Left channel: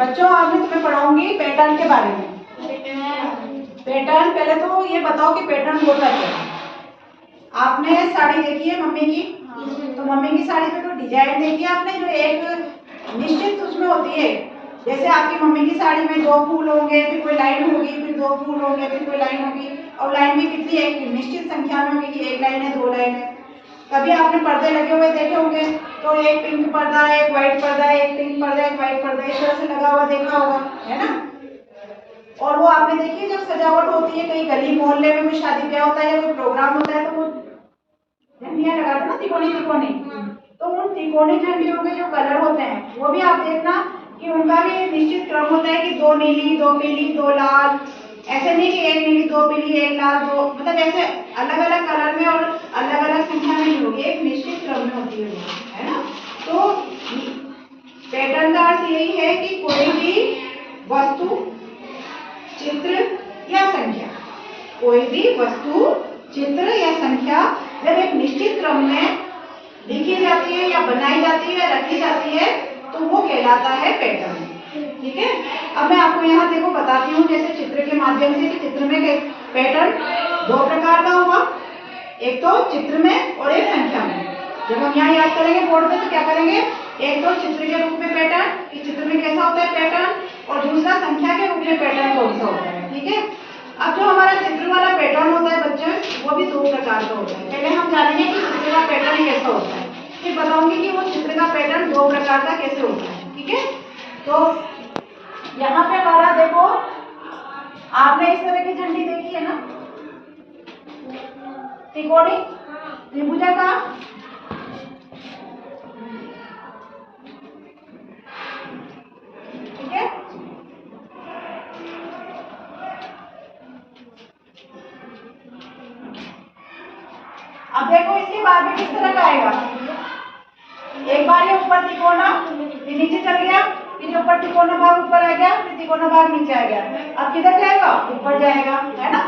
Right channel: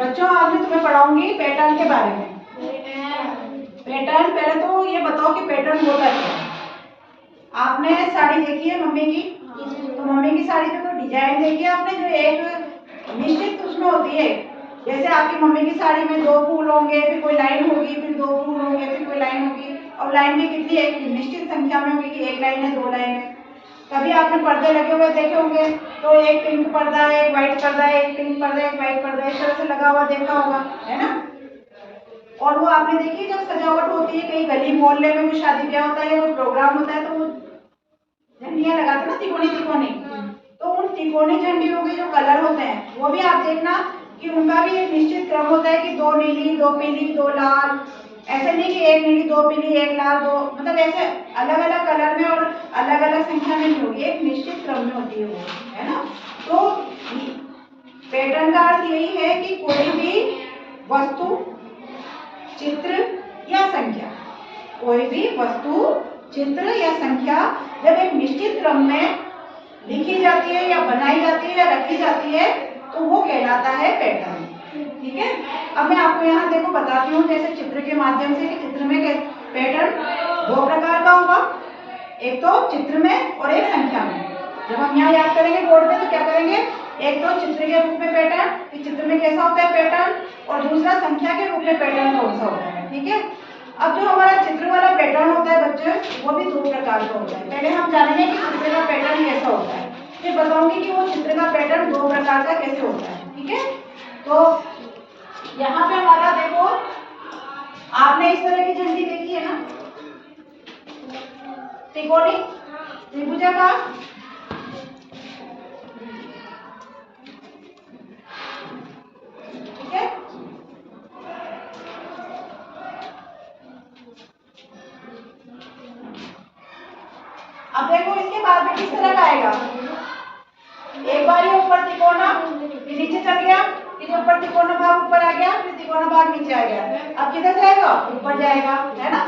बच्चों आज मैं तुम्हें पढ़ाऊंगी पैटर्न के बारे में। पैटर्न, पहले तो ये बताओ कि पैटर्न होता क्या है। आपने साड़ी देखी है मम्मी की, तो मम्मी की साड़ी पे कोई डिजाइन देखी है आपने, जो एक निश्चित उसमें होती है। जैसे आपकी मम्मी की साड़ी में 2 फूल होंगे, फिर कोई लाइन होगी, फिर 2 फूल होंगे, फिर कोई लाइन होगी, और लाइन भी कितनी, एक निश्चित संख्या में होगी कि 1 लाइन है, 2 लाइन है। कभी आपने पर्दे लगे हुए देखे होंगे, तो एक पिंक पर्दा है, एक व्हाइट पर्दा है, एक पिंक पर्दा है, एक व्हाइट पर्दा है, इस तरह से लगा हुआ देखा होगा, है ना। और वो आपने देखिए जब सजावट होती है कहीं गली मोहल्ले में कोई शादी ब्याह होता है या कोई प्रोग्राम होता है, तो वो झंडियां लगाते ना, तिकोनी तिकोनी। तो उन तिकोनी झंडियों के जो कलर होते हैं वो भी आप देखना कि उनका भी एक निश्चित क्रम होता है कि 2 नीली, 2 पीली, 2 लाल। ऐसे नहीं कि 1 नीली, 2 पीली, 1 लाल, 2, मतलब ऐसे अलग अलग कलर में और अलग अलग संख्या में नहीं होगी, एक निश्चित क्रम में होती है वो, है ना। तो पैटर्न का अर्थ यही है कि कोई भी वस्तु, चित्र या संख्या, कोई भी वस्तु, चित्र या संख्या जब एक निश्चित क्रम में लिखी जाती है या बनाई जाती है या रखी जाती है तो वो कहलाता है पैटर्न। ठीक है, अब मैं आपको यहाँ देखो बताती हूँ, जैसे चित्र के माध्यम से कि चित्र में पैटर्न 2 प्रकार का होगा, एक तो चित्र में और एक संख्या में। जब हम यहाँ याद करेंगे बोर्ड पे तो क्या करेंगे, एक तो चित्र के रूप में पैटर्न कि चित्र में कैसा होता है पैटर्न, और दूसरा संख्या के रूप में पैटर्न कौन सा होता है। ठीक है, अब जो हमारा चित्र वाला पैटर्न होता है बच्चे, वो भी 2 प्रकार का होता है। पहले हम जानेंगे कि चित्र का पैटर्न कैसा होता है, फिर बताऊंगी कि वो चित्र का पैटर्न 2 प्रकार का कैसे होता है। ठीक है, तो यहाँ पे हमारा देखो, आपने इस तरह की झंडी देखी है ना, त्रिकोणी, त्रिभुजाकार, ठीक है। अब देखो इसके बाद में किस तरह का आएगा, एक बार ये ऊपर तिकोना, फिर नीचे चल गया, फिर ऊपर तिकोना भाग ऊपर आ गया, फिर तिकोना भाग नीचे आ गया। अब किधर जाएगा, ऊपर जाएगा, है ना।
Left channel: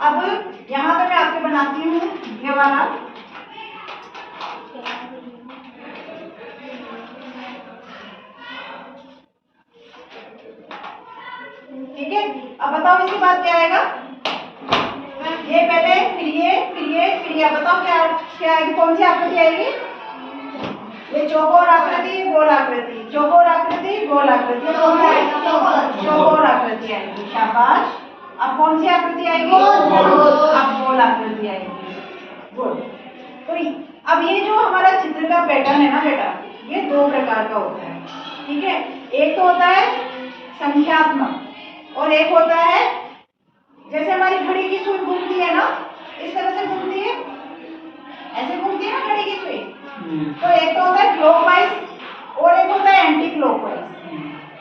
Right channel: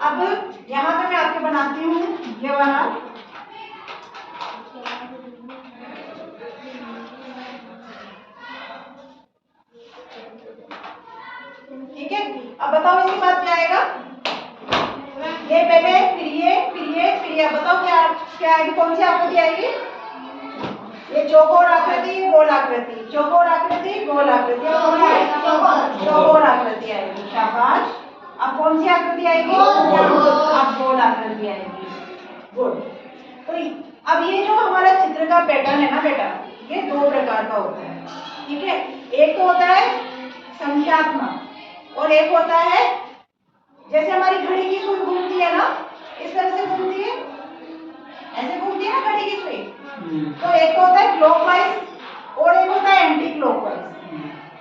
अब यहाँ पे मैं आपके बनाती हूँ ये वाला, ठीक है। अब बताओ इसके बाद क्या आएगा, ये पहले, फिर ये, फिर ये, फिर ये। बताओ क्या क्या आएगी, कौन सी आकृति आएगी, ये चौकोर आकृति, गोल आकृति, चौकोर आकृति, गोल आकृति, कौन सी, चौकोर आकृति आएगी, शाबाश। अब कौन सी आकृति आएगी, अब गोल आकृति आएगी, गुड। तो अब ये जो हमारा चित्र का पैटर्न है ना बेटा, ये 2 प्रकार का होता है। ठीक है, एक तो होता है संख्यात्मक और एक होता है, जैसे हमारी घड़ी की सुई घूमती है ना, इस तरह से घूमती है, ऐसे घूमती है ना घड़ी की सुई। तो एक तो होता है क्लॉकवाइज और एक होता है एंटी क्लॉकवाइज,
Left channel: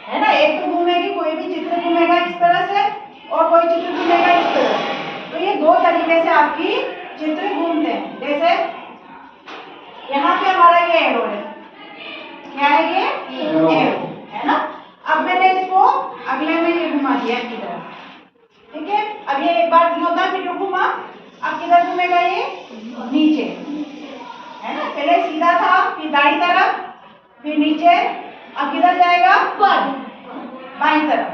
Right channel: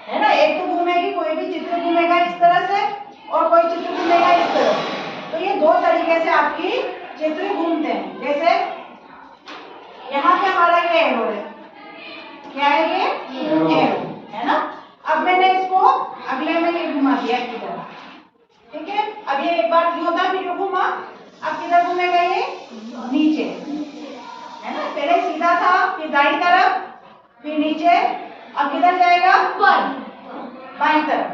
है ना। एक तो घूमेगी, कोई भी चित्र घूमेगा इस तरह से और कोई चित्र घूमेगा इस तरह से। तो ये 2 तरीके से आपकी चित्र घूमते हैं। जैसे यहाँ पे हमारा ये एरो है, क्या है ये, एरो, है ना। अब मैंने इसको अगले में ये घुमा दिया की तरफ, ठीक है। अब ये एक बार होता है, फिर घुमा, अब किधर घूमेगा ये, नीचे, है ना। पहले सीधा था, फिर दाईं तरफ, फिर नीचे, अब किधर जाएगा, बाईं तरफ।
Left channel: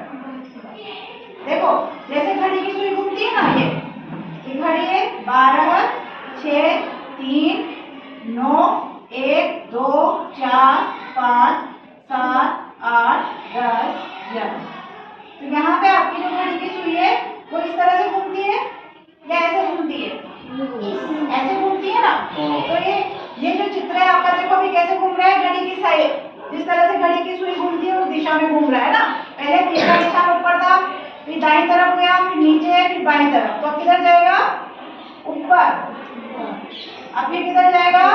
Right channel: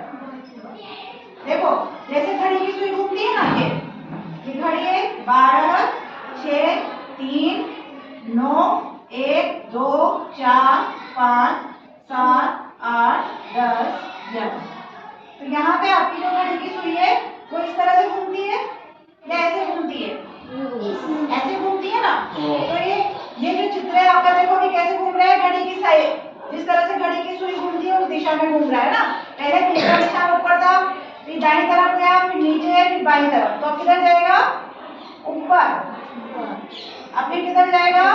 देखो जैसे घड़ी की सुई घूमती है ना, ये घड़ी है 12, 6, 3, 9, 1, 2, 4, 5, 7, 8, 10, 11। तो यहाँ पे आपकी जो घड़ी की सुई है वो इस तरह से घूमती है या ऐसे घूमती है, ऐसे घूमती है ना। तो ये जो चित्र है आपका, देखो अभी कैसे घूम रहा है, घड़ी की साइड, जिस तरह से घड़ी की सुई घूमती है उस दिशा में घूम रहा है ना। पहले तीसरा निशान ऊपर था, फिर दाईं तरफ गया, फिर नीचे, फिर बाईं तरफ। तो किधर जाएगा, ऊपर। अब फिर किधर जाएगा,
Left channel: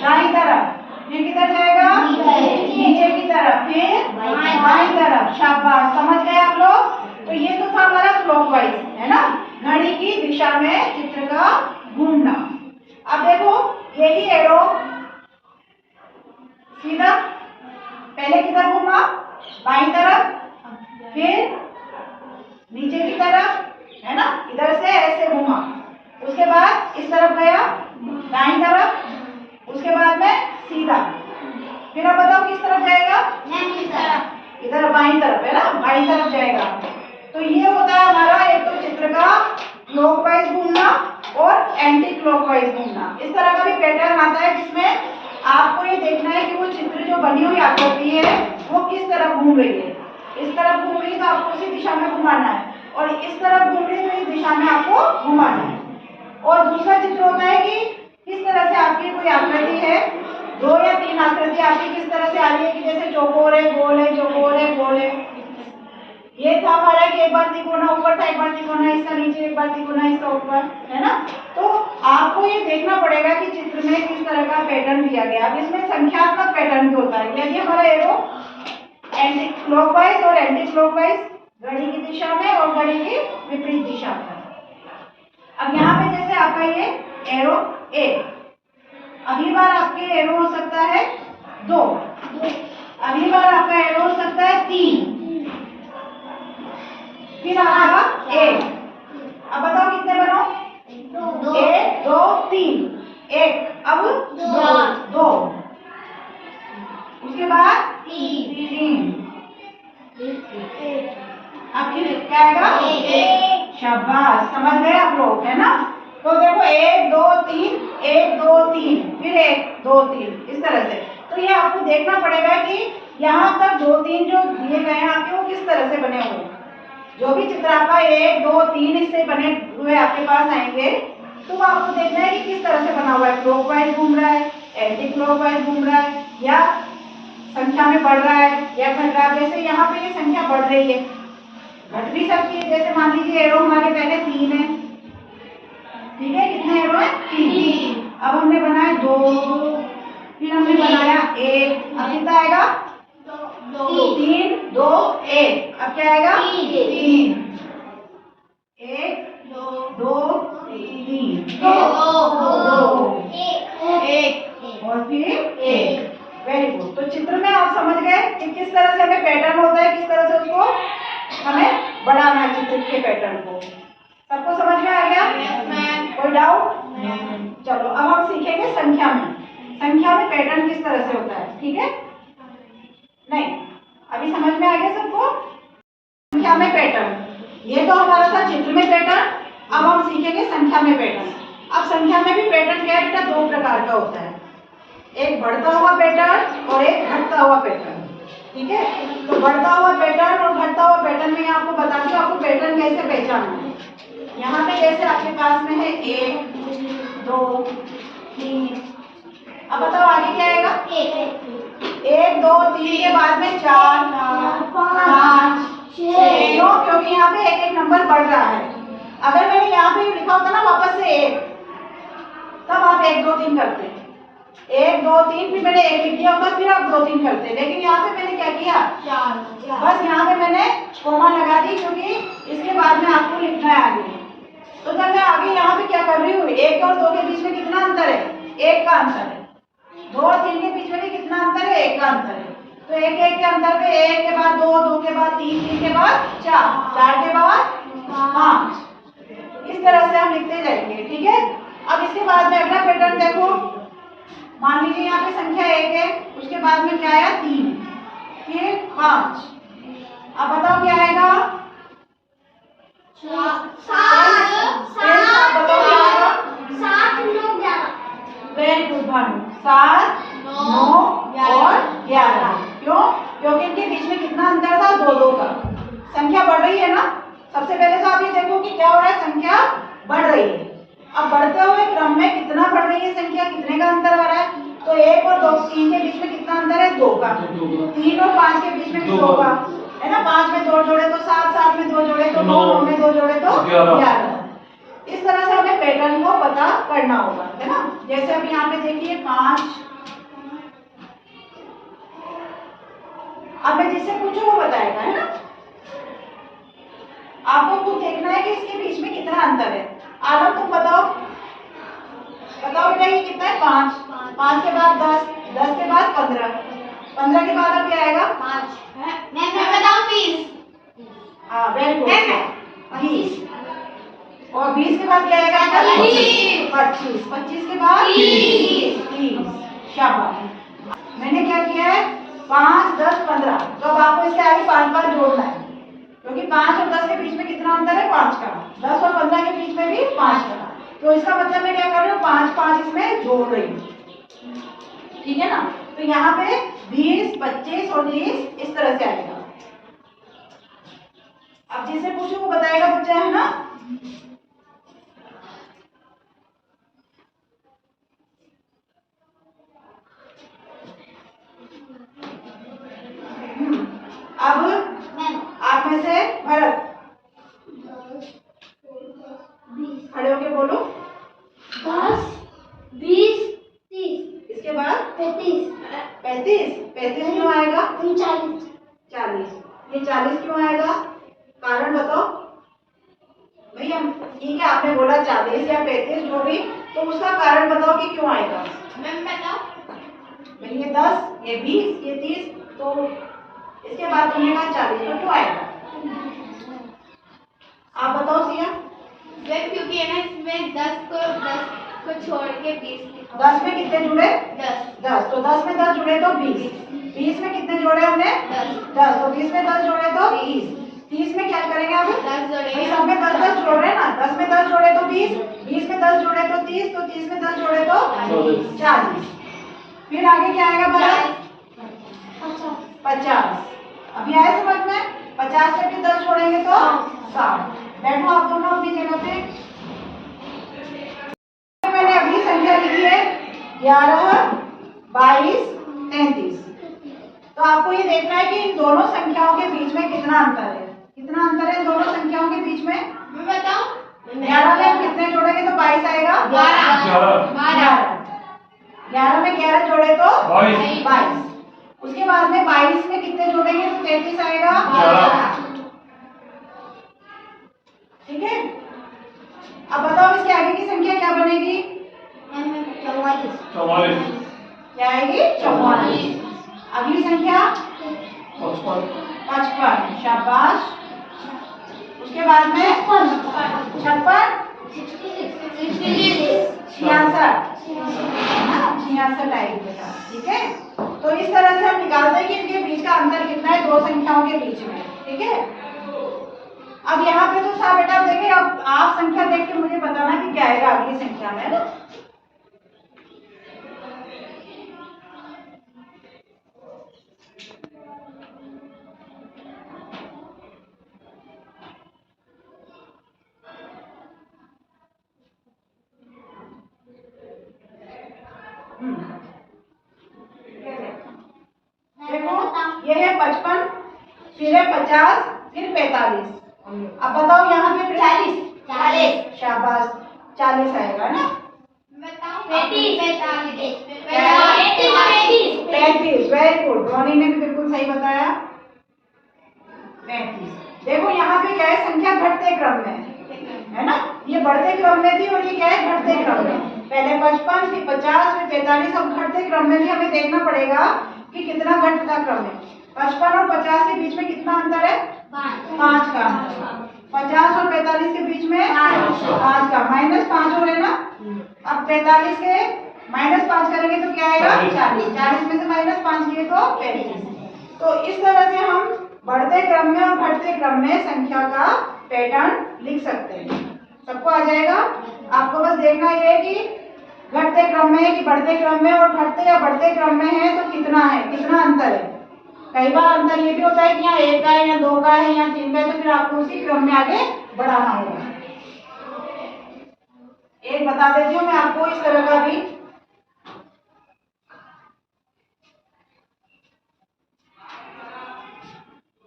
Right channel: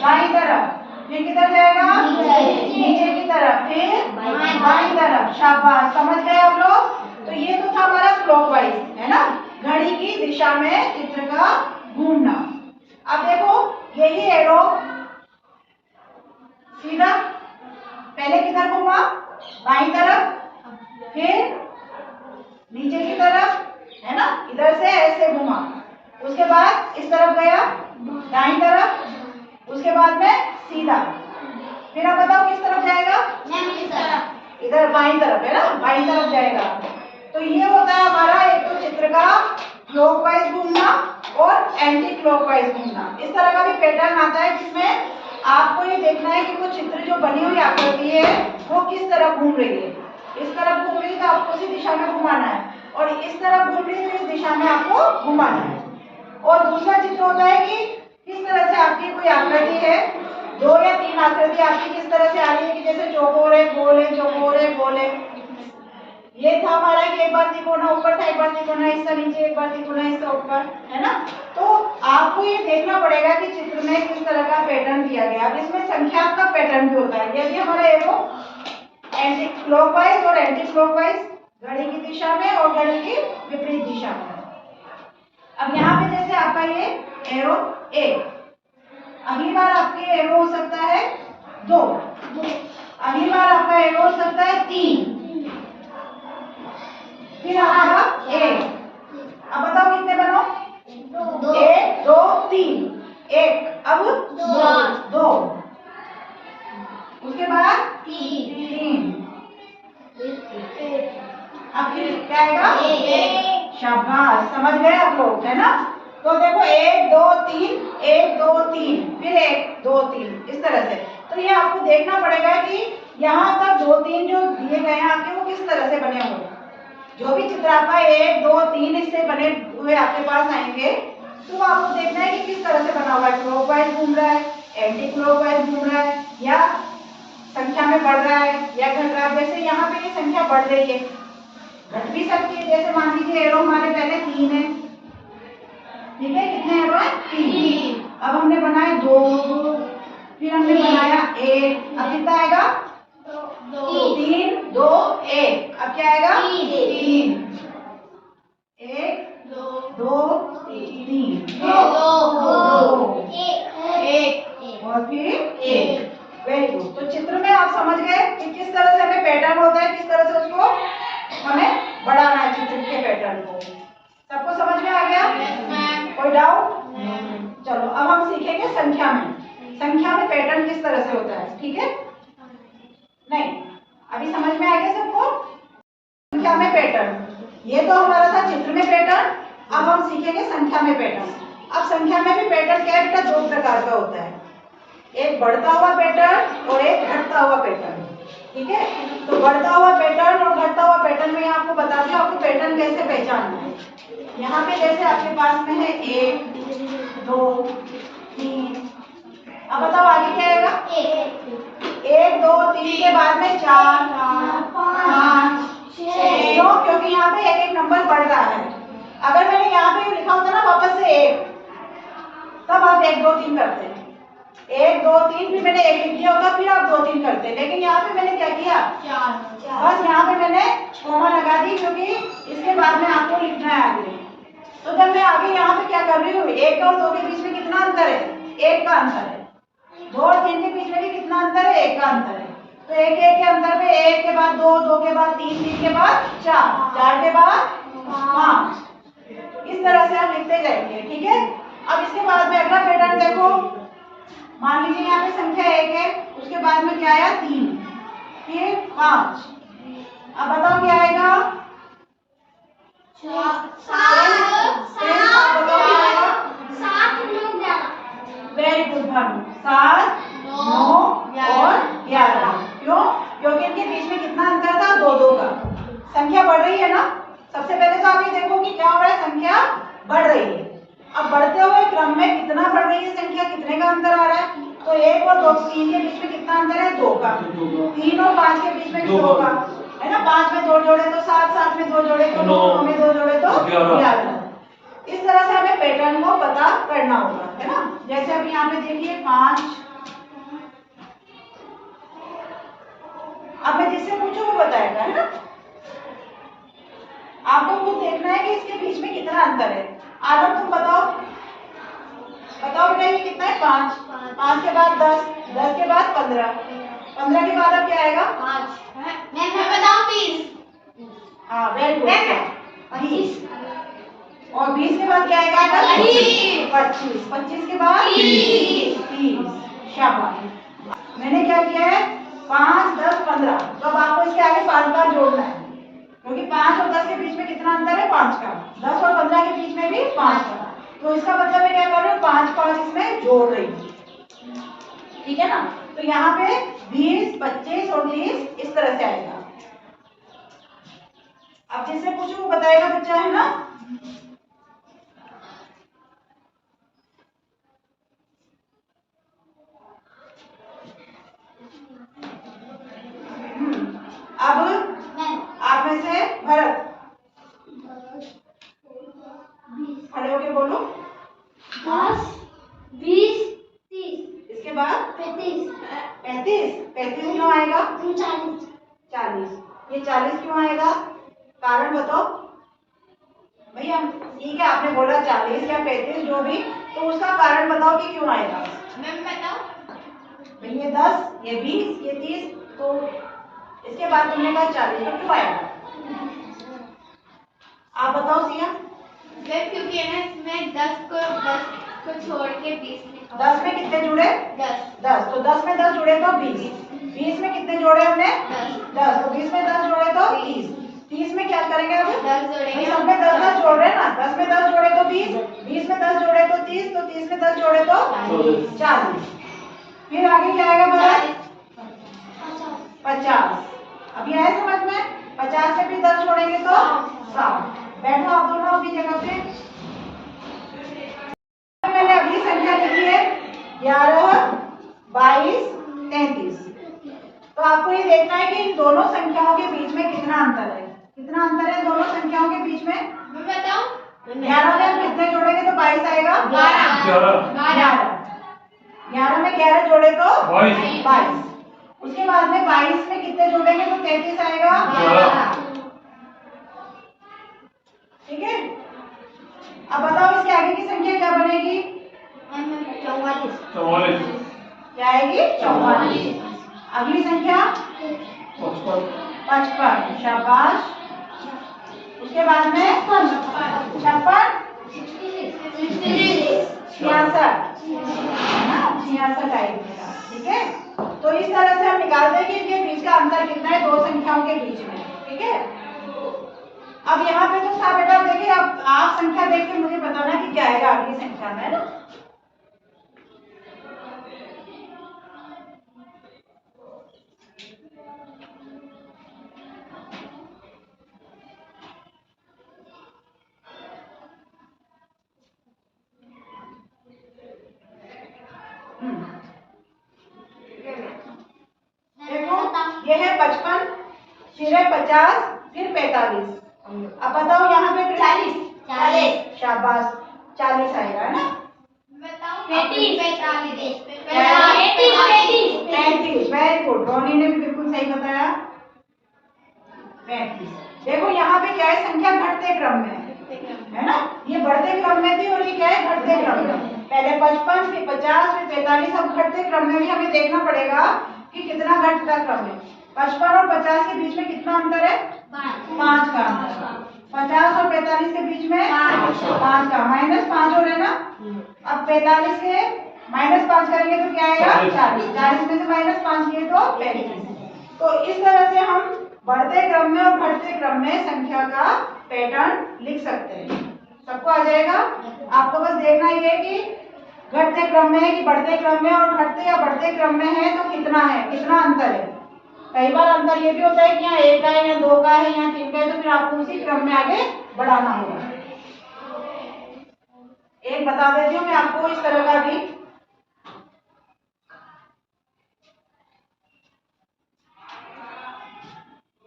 दाईं तरफ, फिर किधर जाएगा, नीचे की तरफ, फिर बाईं तरफ। शाबाश, समझ गए आप लोग। तो ये तो था हमारा क्लॉकवाइज, है ना, घड़ी की दिशा में चित्र का घूमना। अब देखो यही एरो सीधा, पहले किधर घूमा, बाईं तरफ, फिर नीचे की तरफ, है ना, इधर से ऐसे घुमा, उसके बाद इस तरफ गया, दाईं तरफ, उसके बाद में सीधा। फिर अब बताओ किस तरफ जाएगा? इधर बाईं तरफ है ना, बाईं तरफ जाएगा। तो ये होता है हमारा एक तो चित्र का क्लॉकवाइज घूमना और एंटी क्लॉकवाइज घूमना। इस तरह का भी पैटर्न आता है जिसमें आपको ये देखना है कि वो चित्र जो बनी हुई आकृति है वो किस तरफ घूम रही है। इस तरफ घूम रही है तो आपको उसी दिशा में घुमाना है, और इस तरफ घूम रही है तो इस दिशा में आपको घुमाना है। और दूसरा चित्र होता है कि किस तरह से आपकी कोई आकृति है, 2 या 3 आकृति आपकी किस तरह से आ रही है, कि जैसे चौकोर है, गोल है, चौकोर है, गोल है। ये था हमारा कि एक बार तिकोना ऊपर था, एक बार तिकोना इसका नीचे, एक बार तिकोना इसका ऊपर, है ना। तो आपको ये देखना पड़ेगा कि चित्र में किस तरह का पैटर्न दिया गया। अब इसमें संख्यात्मक पैटर्न भी होता है। यदि हमारा एरो एंटी क्लॉकवाइज और एंटी क्लॉकवाइज, घड़ी की दिशा में और घड़ी की विपरीत दिशा में। अब यहाँ पे जैसे आपका ये एरो 1, अगली बार आपके एरो हो सकता है 2, अगली बार आपका एरो हो सकता है 3, फिर आपका 1। अब बताओ कितने बनो? 1 2 3, 1, अब 2, उसके बाद 3, अब फिर क्या आएगा? शाबाश, समझ गए आप लोग, है ना। तो देखो 1 2 3, 1 2 3, फिर 1 2 3, इस तरह से। तो ये आपको देखना पड़ेगा कि यहाँ तक 2 3 जो दिए गए हैं आपके, वो किस तरह से बने हुए हैं। जो भी चित्र आपका 1 2 3 इससे बने हुए आपके पास आएंगे, तो आपको देखना है कि किस तरह से बना हुआ है। क्लॉकवाइज घूम रहा है, एंटी क्लॉकवाइज घूम रहा है, या संख्या में बढ़ रहा है या घट रहा है। जैसे यहाँ पे ये संख्या बढ़ रही है, घट भी सकती है। जैसे मान लीजिए एरो हमारे पहले 3 है, ठीक है, कितने एरो है? 3। अब हमने बनाए 2, फिर हमने बनाया 1, अब कितना आएगा? 3 2 1, अब क्या आएगा? 3, 1 2 3, 2 1 और फिर 1। Very good. तो चित्र में आप समझ गए कि किस तरह से हमें पैटर्न होता है, किस तरह से उसको हमें बढ़ाना है चित्र के पैटर्न को। सबको समझ में आ गया? कोई डाउट? चलो अब हम सीखेंगे संख्या में। संख्या में पैटर्न किस तरह से होता है, ठीक है? नहीं, अभी समझ में आ गया सबको? संख्या में पैटर्न, ये तो हमारा था चित्र में पैटर्न। अब हम सीखेंगे संख्या में पैटर्न। अब संख्या में भी पैटर्न क्या है बेटा? 2 प्रकार का होता है, एक बढ़ता हुआ पैटर्न और एक घटता हुआ पैटर्न, ठीक है। तो बढ़ता हुआ पैटर्न और घटता हुआ पैटर्न में आपको बता दूं आपको पैटर्न कैसे पहचानना है। यहाँ पे जैसे आपके पास में है 1 2 3, अब बताओ आगे क्या आएगा? 1 2 3 के बाद में 4 5 6। क्यों? क्योंकि यहाँ पे एक एक नंबर बढ़ रहा है। अगर मैंने यहाँ पे लिखा होता ना वापस से 1, तब आप 1 2 3 करते हैं। 1 2 3, फिर मैंने 1 लिख दिया होता, फिर आप 2 3 करते हैं। लेकिन यहाँ पे मैंने क्या किया? बस यहाँ पे मैंने कोमा लगा दी, क्योंकि इसके बाद में आपको लिखना है आगे। तो जब मैं आगे यहाँ पे क्या कर रही हूँ, 1 और 2 के बीच में कितना अंतर है? 1 का अंतर है। 2 और 3 के बीच में भी कितना अंतर है? 1 का अंतर है। तो 1 1 के अंतर पे 1 के बाद 2 2 के बाद 3 3 के बाद 4 4 के बाद 5, इस तरह से हम लिखते जाएंगे, ठीक है। अब इसके बाद में अगला पैटर्न देखो। मान लीजिए यहाँ पे संख्या 1 है, उसके बाद में क्या आया? 3, फिर 5। अब बताओ क्या आएगा? 7 वेरी गुड भानु, 7 9 और 11। क्यों? क्योंकि इनके बीच में कितना अंतर था? 2 2 का। संख्या बढ़ रही है ना। सबसे पहले तो आप ये देखो कि क्या हो रहा है, संख्या बढ़ रही है। अब बढ़ते हुए क्रम में कितना बढ़ रही है संख्या, कितने का अंतर आ रहा है? तो 1 और 2 3 के बीच में कितना अंतर है? 2 का। 3 और 5 के बीच में भी 2 का, है ना। 5 में 2 जोड़े तो 7, 7 में 2 जोड़े तो 9, 9 में 2 जोड़े तो 11। इस तरह से हमें पैटर्न को पता करना होगा, है ना। जैसे अभी यहाँ पे देखिए 5, अब मैं जिससे पूछूं वो बताएगा, है ना। आपको खुद देखना है कि इसके बीच में कितना अंतर है। आलम तुम बताओ, बताओ बेटा ये कितना है? 5 5 के बाद 10 10 के बाद 15 15 के बाद अब क्या आएगा? 5। मैं बताऊं 20। हाँ वेरी गुड, 20। और 20 के बाद क्या आएगा? 25 25 के बाद 30 30 जोड़ रही हूँ, ठीक है ना। तो यहाँ पे 20, 25 और 30 इस तरह से आएगा। अब जिससे पूछो वो बताएगा बच्चा, है ना। अब आप में से भरत खड़े होके बोलो। 10, 20, 30, इसके बाद 35, 35 क्यों आएगा? 40, 40, ये 40 क्यों आएगा? कारण बताओ भैया। ठीक है, आपने बोला 40 या 35 जो भी, तो उसका कारण बताओ कि क्यों आएगा। मैम बताओ। भाई ये 10, ये 20, ये 30, तो इसके बाद तुमने कहा 40, तो क्यों आएगा? आप बताओ सिया। मैम क्योंकि है ना इसमें 10 को छोड़ के 20 लिखा। 10 में कितने जुड़े? 10, तो 10 में 10 जुड़े तो 20, 20 में कितने जोड़े हमने? 10, तो 20 में 10 जोड़े तो 30, 30 में क्या करेंगे अब? 10 जोड़ेंगे। सब में 10 जोड़ रहे हैं ना, 10 में 10 जोड़े तो 20, 20 में 10 जोड़े तो 30, तो 30 में 10 जोड़े तो 40। फिर आगे क्या आएगा भरत? 50। अभी आया समझ में? 50 में भी 10 छोड़ेंगे तो 60। बैठो आप दोनों अपनी जगह पे। मैंने अगली संख्या लिखी है 11, 22, 33। तो आपको ये देखना है कि इन दोनों संख्याओं के बीच में कितना अंतर है। कितना अंतर है इन दोनों संख्याओं के बीच में? मैं बताऊं? 11 में कितने जोड़ेंगे तो 22 आएगा? 12। 11 में 11 जोड़े तो 22। उसके बाद में 22 में कितने जोड़ेंगे तो 33 आएगा? ठीक है। अब बताओ इसके आगे की संख्या क्या बनेगी? 44। क्या आएगी? 44। अगली संख्या 55। शाबाश। उसके बाद में 56, 66 आएगी। ठीक है। तो इस तरह से हम निकालते हैं कि इनके बीच का अंतर कितना है दो संख्याओं के बीच में। ठीक है। अब यहाँ पे तो था बेटा, देखिए अब आप संख्या देख के मुझे बताना कि क्या आएगा अगली संख्या में, है ना। देखो ये है 55, फिर है 50, फिर 45। अब बताओ यहाँ पे 40। शाबाश, 40 आएगा, है ना। 35, वेरी गुड। रोनी ने भी बिल्कुल सही बताया। 35। देखो यहाँ पे क्या है, संख्या घटते क्रम में है ना। ये बढ़ते क्रम में थी और ये क्या है, घटते क्रम में। पहले 55, फिर 50, फिर 45। अब घटते क्रम में भी हमें देखना पड़ेगा कि कितना घटता क्रम है। 55 और 50 के बीच में कितना अंतर है? 5 का अंतर। 50 और 45 के बीच में 5 का, -5 हो रहे ना। अब 45 के -5 करेंगे तो क्या आएगा? 40। 40 में से -5 किए तो 35। तो इस तरह से हम बढ़ते क्रम में और घटते क्रम में संख्या का पैटर्न लिख सकते हैं। सबको आ जाएगा। आपको बस देखना ये है कि घटते क्रम में है कि बढ़ते क्रम में, और घटते या बढ़ते क्रम में है तो कितना है, कितना अंतर है। कई बार अंतर ये भी होता है कि यहाँ 1 का है या 2 का है या 3 का है, तो फिर आपको उसी क्रम में आगे बढ़ाना होगा। एक बता देती हूँ मैं आपको इस तरह का भी।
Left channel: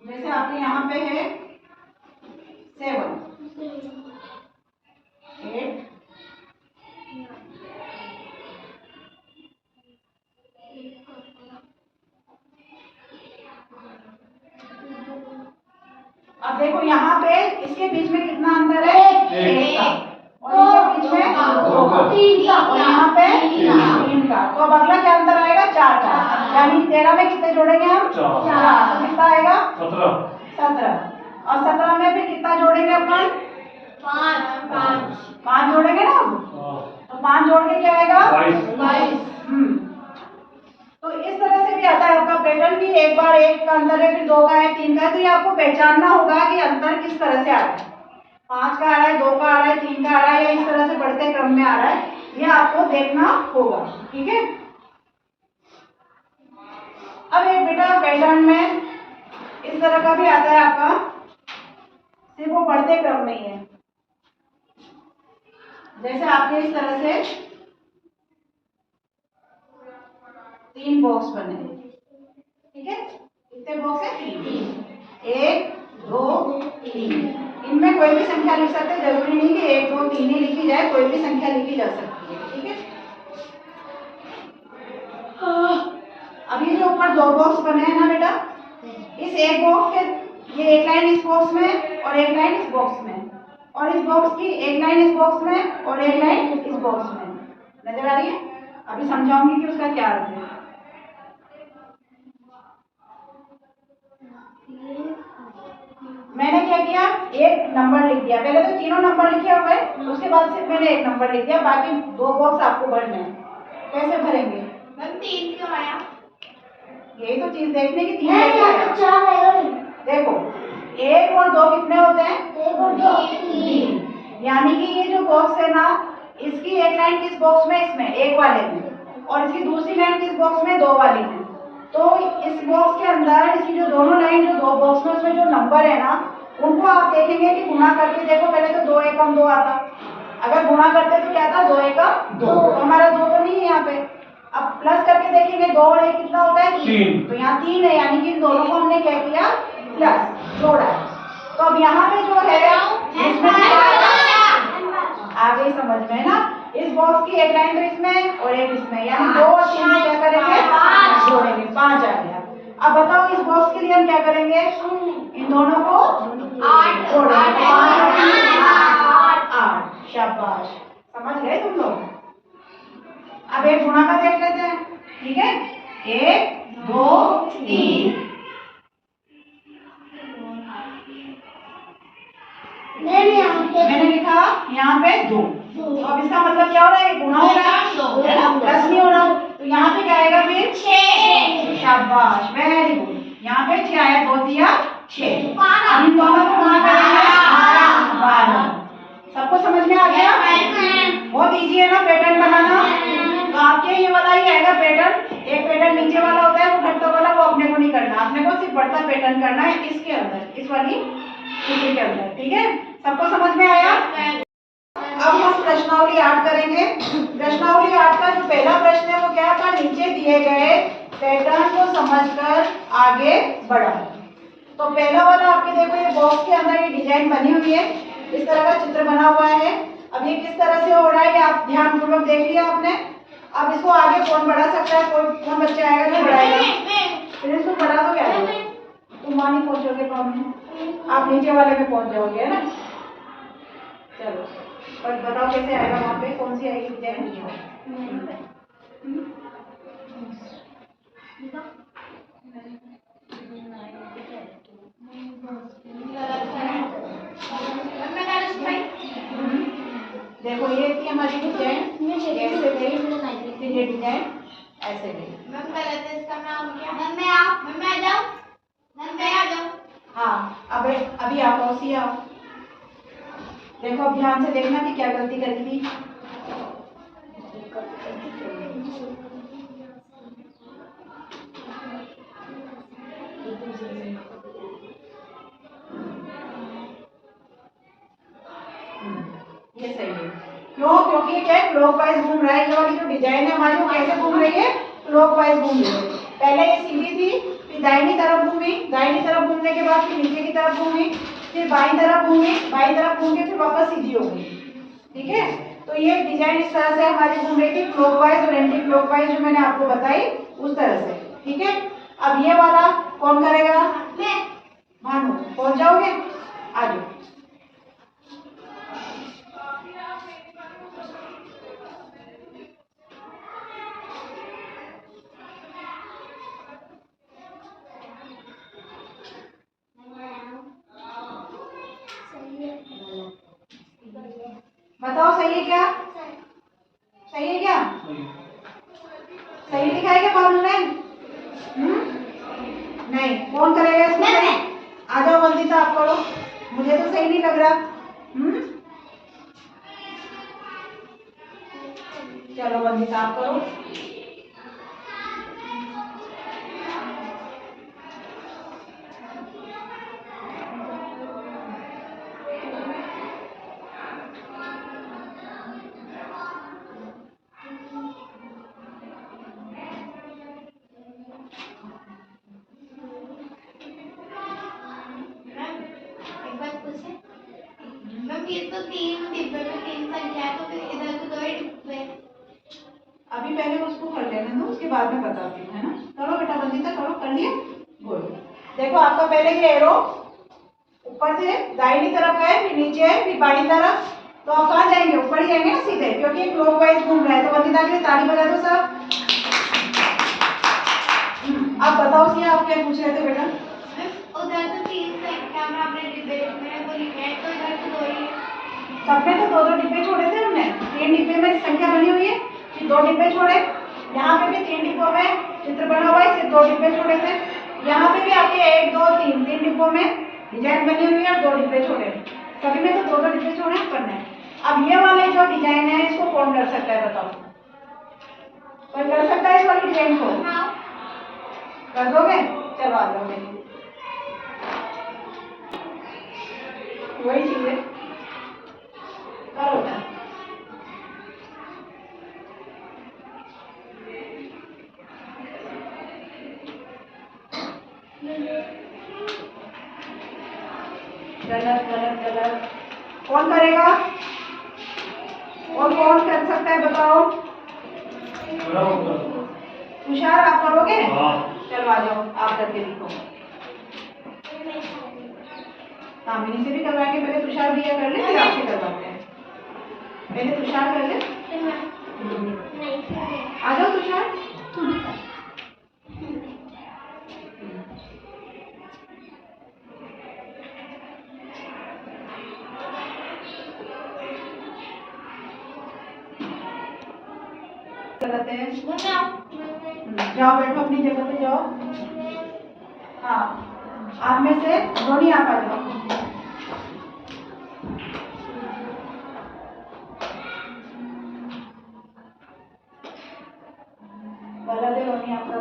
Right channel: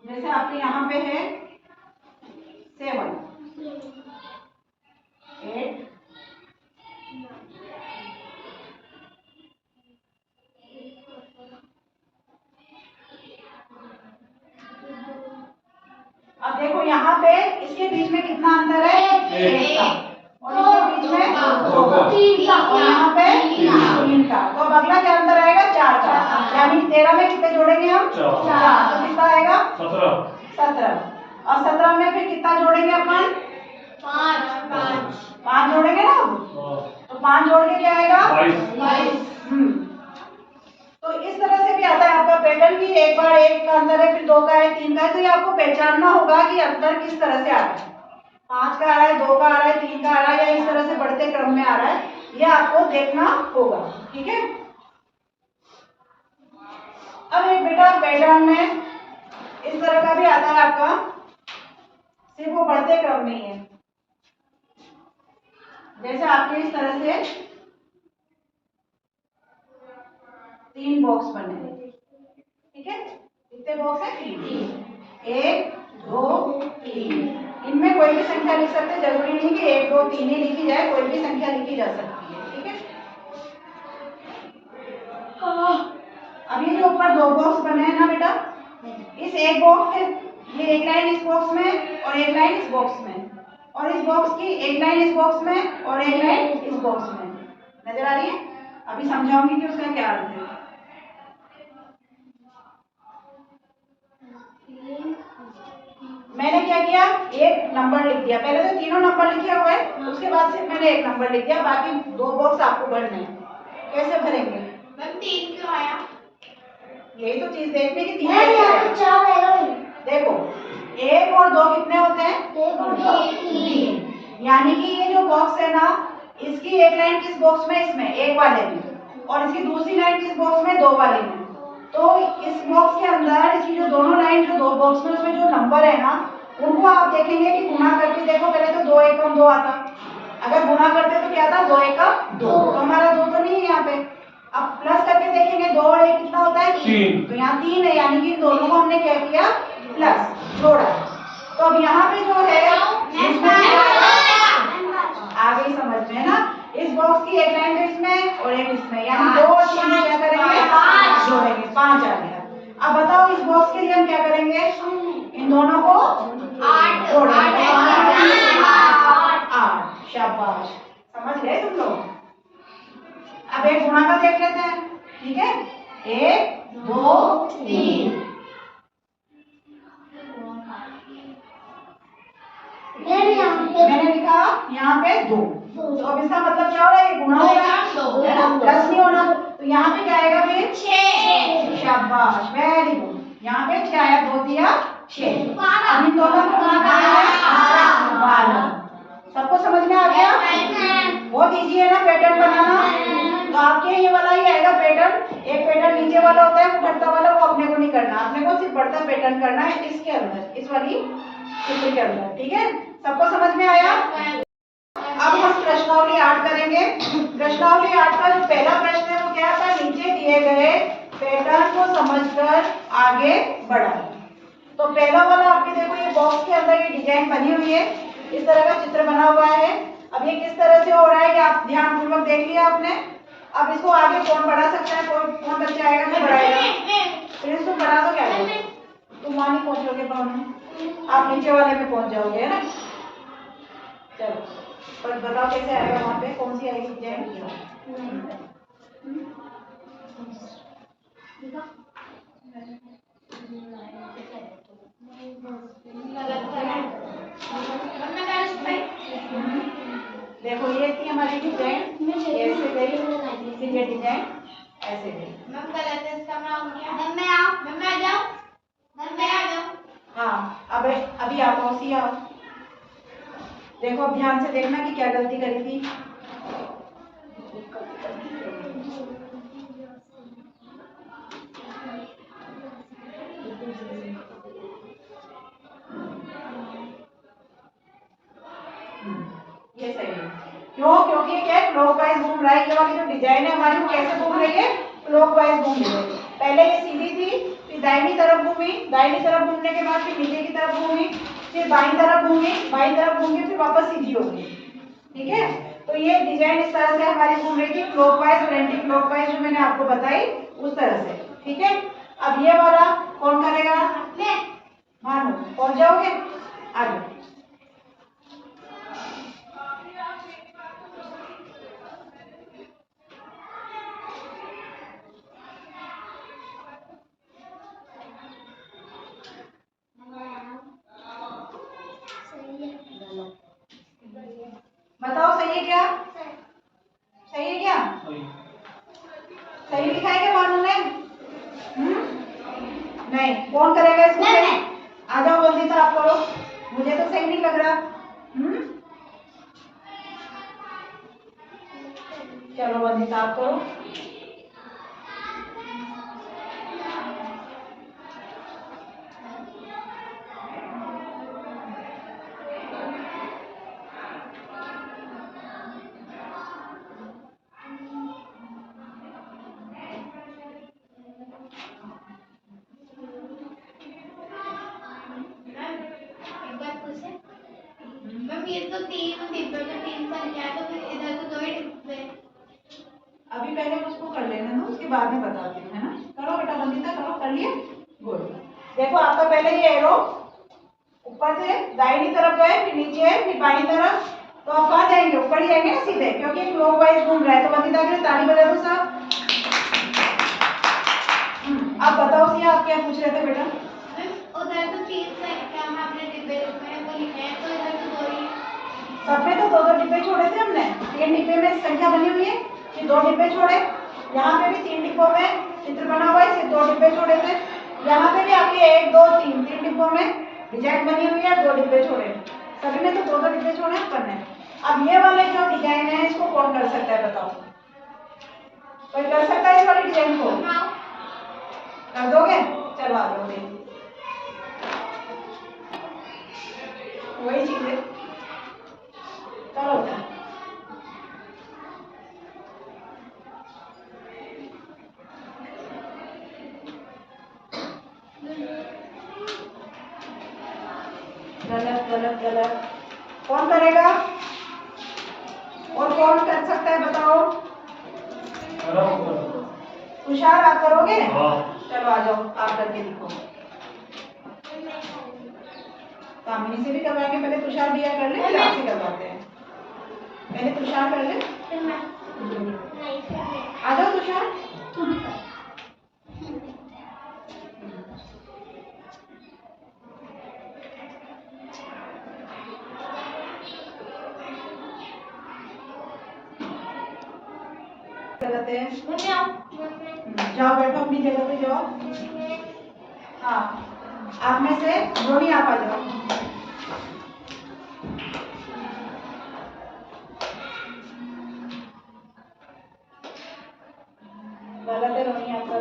जैसे आपके यहाँ पे है 7, 8, 8। अब देखो यहाँ पे इसके बीच में कितना अंतर है? 1 का। और इनके बीच में 2 का। और यहाँ पे 3 का। तो अब अगला क्या अंतर आएगा? 4 का। यानी 13 में कितने जोड़ेंगे हम? 4। तो कितना आएगा? 17। और 17 में फिर कितना जोड़ेंगे अपन? 5 जोड़ेंगे ना। तो 5 जोड़ के क्या आएगा? 22। तो इस तरह से भी आता है आपका पैटर्न कि एक बार 1 का अंतर है, फिर 2 का है, 3 का है। तो ये आपको पहचानना होगा कि अंतर किस तरह से आ रहा है। 5 का आ रहा है, 2 का आ रहा है, 3 का आ रहा है, या इस तरह से बढ़ते क्रम में आ रहा है। ये आपको देखना होगा, ठीक है। अब एक बेटा पैटर्न में इस तरह का भी आता है आपका, सिर्फ वो बढ़ते क्रम में ही है। जैसे आपके इस तरह से 3 बॉक्स बने, ठीक है। कितने बॉक्स है? 3। 1 2 3। इनमें कोई भी संख्या लिख सकते हैं, जरूरी नहीं कि 1 2 3 ही लिखी जाए, कोई भी संख्या लिखी जा सकती है, ठीक है। अब ये जो ऊपर 2 बॉक्स बने हैं ना बेटा, इस एक बॉक्स के ये एक लाइन इस बॉक्स में और एक लाइन इस बॉक्स में, और इस बॉक्स की एक लाइन इस बॉक्स में और एक लाइन इस बॉक्स में, नजर आ रही है? अभी समझाऊंगी कि उसका क्या अर्थ है। मैंने क्या किया, एक नंबर लिख दिया। पहले तो तीनों नंबर लिखे हुए हैं, उसके बाद सिर्फ मैंने एक नंबर लिख दिया, बाकी 2 बॉक्स आपको भरने हैं। कैसे भरेंगे? मैम 3 क्यों आया? यही तो चीज देखने की, 3 कैसे आएगा? देखो 1 और 2 कितने होते हैं? 1 और 2 3। यानी कि ये जो बॉक्स है ना, इसकी एक लाइन किस बॉक्स में? इसमें, एक वाले में, और इसकी दूसरी लाइन किस बॉक्स में? 2 वाले में। तो इस बॉक्स के अंदर इसकी जो दोनों लाइन जो 2 बॉक्स में उसमें जो नंबर है ना, उनको आप देखेंगे कि गुणा करके देखो। पहले तो 2 एकम 2 आता, अगर गुणा करते तो क्या था? 2 एकम 2। तो हमारा 2 तो नहीं है यहाँ पे। अब प्लस करके देखेंगे 2 और 1 कितना होता है? 3। तो यहाँ 3 है, यानी कि दोनों को हमने क्या किया? प्लस जोड़ा। तो अब यहाँ पे जो है आ गई समझ में ना, इस बॉक्स की एक लाइन तो इसमें और एक इसमें, यानी 2 और 3 में क्या करेंगे? जोड़ेंगे, 5 आ गया। अब बताओ इस बॉक्स के लिए हम क्या करेंगे? इन दोनों को 8 जोड़ेंगे, 8। शाबाश, समझ गए तुम लोग। अब एक गुणा का देख लेते हैं, ठीक है। 1 2 3। मैंने लिखा यहाँ पे 2। तो अब इसका मतलब क्या हो रहा है? ये गुणा हो रहा है ना, प्लस नहीं हो रहा। तो यहाँ पे क्या आएगा फिर? 6। शाबाश, वेरी गुड। यहाँ पे 6 आया, 2 दिया 6। अब इन दोनों को गुणा करेंगे 12। सबको समझ में आ गया? बहुत इजी है ना पैटर्न बनाना। तो आपके ये वाला ही आएगा पैटर्न। एक पैटर्न नीचे वाला होता है, वो घटता वाला, वो अपने को नहीं करना, अपने को सिर्फ बढ़ता पैटर्न करना है इसके अंदर, इस वाली चित्र के अंदर, ठीक है। सबको समझ में आया? अब हम प्रश्नावली 8 करेंगे। प्रश्नावली 8 का जो पहला प्रश्न है वो क्या था? नीचे दिए गए पैटर्न को समझकर आगे बढ़ा। तो पहला वाला आपके देखो, ये बॉक्स के अंदर ये डिजाइन बनी हुई है, इस तरह का चित्र बना हुआ है। अब ये किस तरह से हो रहा है ये आप ध्यानपूर्वक देख लिया आपने। अब इसको आगे कौन बढ़ा सकता है? कौन बच्चा आएगा जो बढ़ाएगा? फिर इसको बढ़ा दो। क्या तुम वहां नहीं पहुंचोगे, आप नीचे वाले पे पहुंच जाओगे, है ना। चलो पर बताओ कैसे आएगा वहां पे, कौन सी आएगी डिजाइन? देखो ये थी हमारी डिजाइन, ऐसे गई, फिर ये डिजाइन ऐसे गई। मैम गलत है, इसका नाम क्या? मैम मैं आ जाऊं। हाँ अब अभी आप मौसी आओ। देखो अब ध्यान से देखना कि क्या गलती करी थी। ये सही है। क्यों? क्योंकि क्या है, क्लॉकवाइज घूम रहा है। ये वाली जो डिजाइन है हमारी वो कैसे घूम रही है? क्लॉकवाइज घूम रही है। पहले ये सीधी थी, फिर दाहिनी तरफ घूमी, दाहिनी तरफ घूमने के बाद फिर नीचे की तरफ घूमी, फिर बाईं तरफ घूमी, बाईं तरफ घूम के फिर वापस सीधी हो गई, ठीक है। तो ये डिजाइन इस तरह से हमारी घूम रही थी, क्लॉकवाइज और एंटी क्लॉकवाइज, जो मैंने आपको बताई उस तरह से, ठीक है। अब ये वाला कौन करेगा? भानु, पहुंच जाओगे? आगे बताओ, सही है क्या? सही है क्या? सही लिखा है क्या भानु ने? नहीं, कौन करेगा इसको? आ जाओ जल्दी से, आप करो, मुझे तो सही नहीं लग रहा। चलो वंदिता आप करो। एक बात पूछे मैम, ये तो 3 डिब्बे में 3 संख्या है, तो फिर इधर तो 2 ही डिब्बे। अभी पहले उसको कर लेने दो, उसके बाद में बताती हूँ, है ना। करो बेटा वंदिता, करो, कर लिए। गुड। देखो आपका पहले ये एरो ऊपर से दाहिनी तरफ है, फिर नीचे है, फिर बाईं तरफ। तो आप कहाँ जाएंगे? ऊपर ही जाएंगे ना सीधे, क्योंकि क्लॉकवाइज घूम रहा है। तो वंदिता के लिए ताली बजा दो सब। आप बताओ सी, आप क्या पूछ रहे थे बेटा? उधर तो 3 संख्या में आपने डिब्बे में वो लिखा है, तो इधर तो 2 ही है। सब में तो 2-2 डिब्बे छोड़े थे हमने। 3 डिब्बे में संख्या बनी हुई है, फिर 2 डिब्बे छोड़े। यहाँ पे भी 3 डिब्बों में चित्र बना हुआ है, सिर्फ 2 डिब्बे छोड़े थे। यहाँ पे भी आपके 1 2 3 डिब्बों में डिजाइन बनी हुई है, 2 डिब्बे छोड़े। सभी में तो 2-2 डिब्बे छोड़े हैं अपन ने। अब ये वाले जो डिजाइन है, इसको कौन कर सकता है बताओ? कोई कर सकता है इस वाले डिजाइन को? कर दोगे? चलो आ जाओ। वही चीज है, करो बेटा। गलत गलत गलत। कौन करेगा? और कौन कर सकता है बताओ? तुषार आप करोगे? चलो आ जाओ, आप करके दिखो। कामिनी से भी करवाएंगे, पहले तुषार दिया कर ले, फिर आपसे करवाते हैं। पहले तुषार कर ले। आ जाओ तुषार। गलत है। जाओ बैठो अपनी जगह पे जाओ। हाँ, आप में से रोनी आप आ जाओ। गलत है रोनी आपका।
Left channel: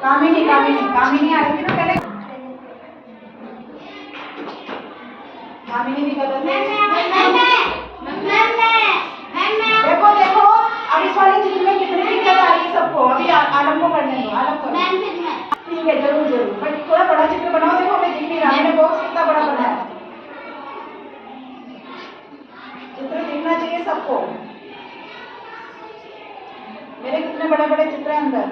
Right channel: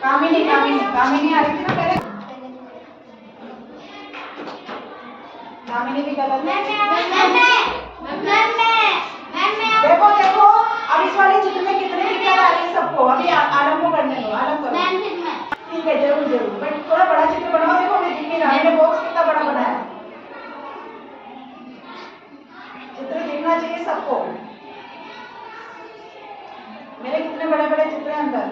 कामिनी कामिनी कामिनी आ रही थी ना पहले। कामिनी भी गलत है। देखो देखो, अब इस वाले चित्र में कितनी दिक्कत आ रही है सबको। अभी आलम को करने दो, आलम करो। ठीक है, जरूर जरूर, बट थोड़ा बड़ा चित्र बनाओ। देखो हमें दिख नहीं रहा, मैंने बॉक्स कितना बड़ा बनाया है। चित्र दिखना चाहिए सबको। मेरे कितने बड़े बड़े चित्र हैं अंदर।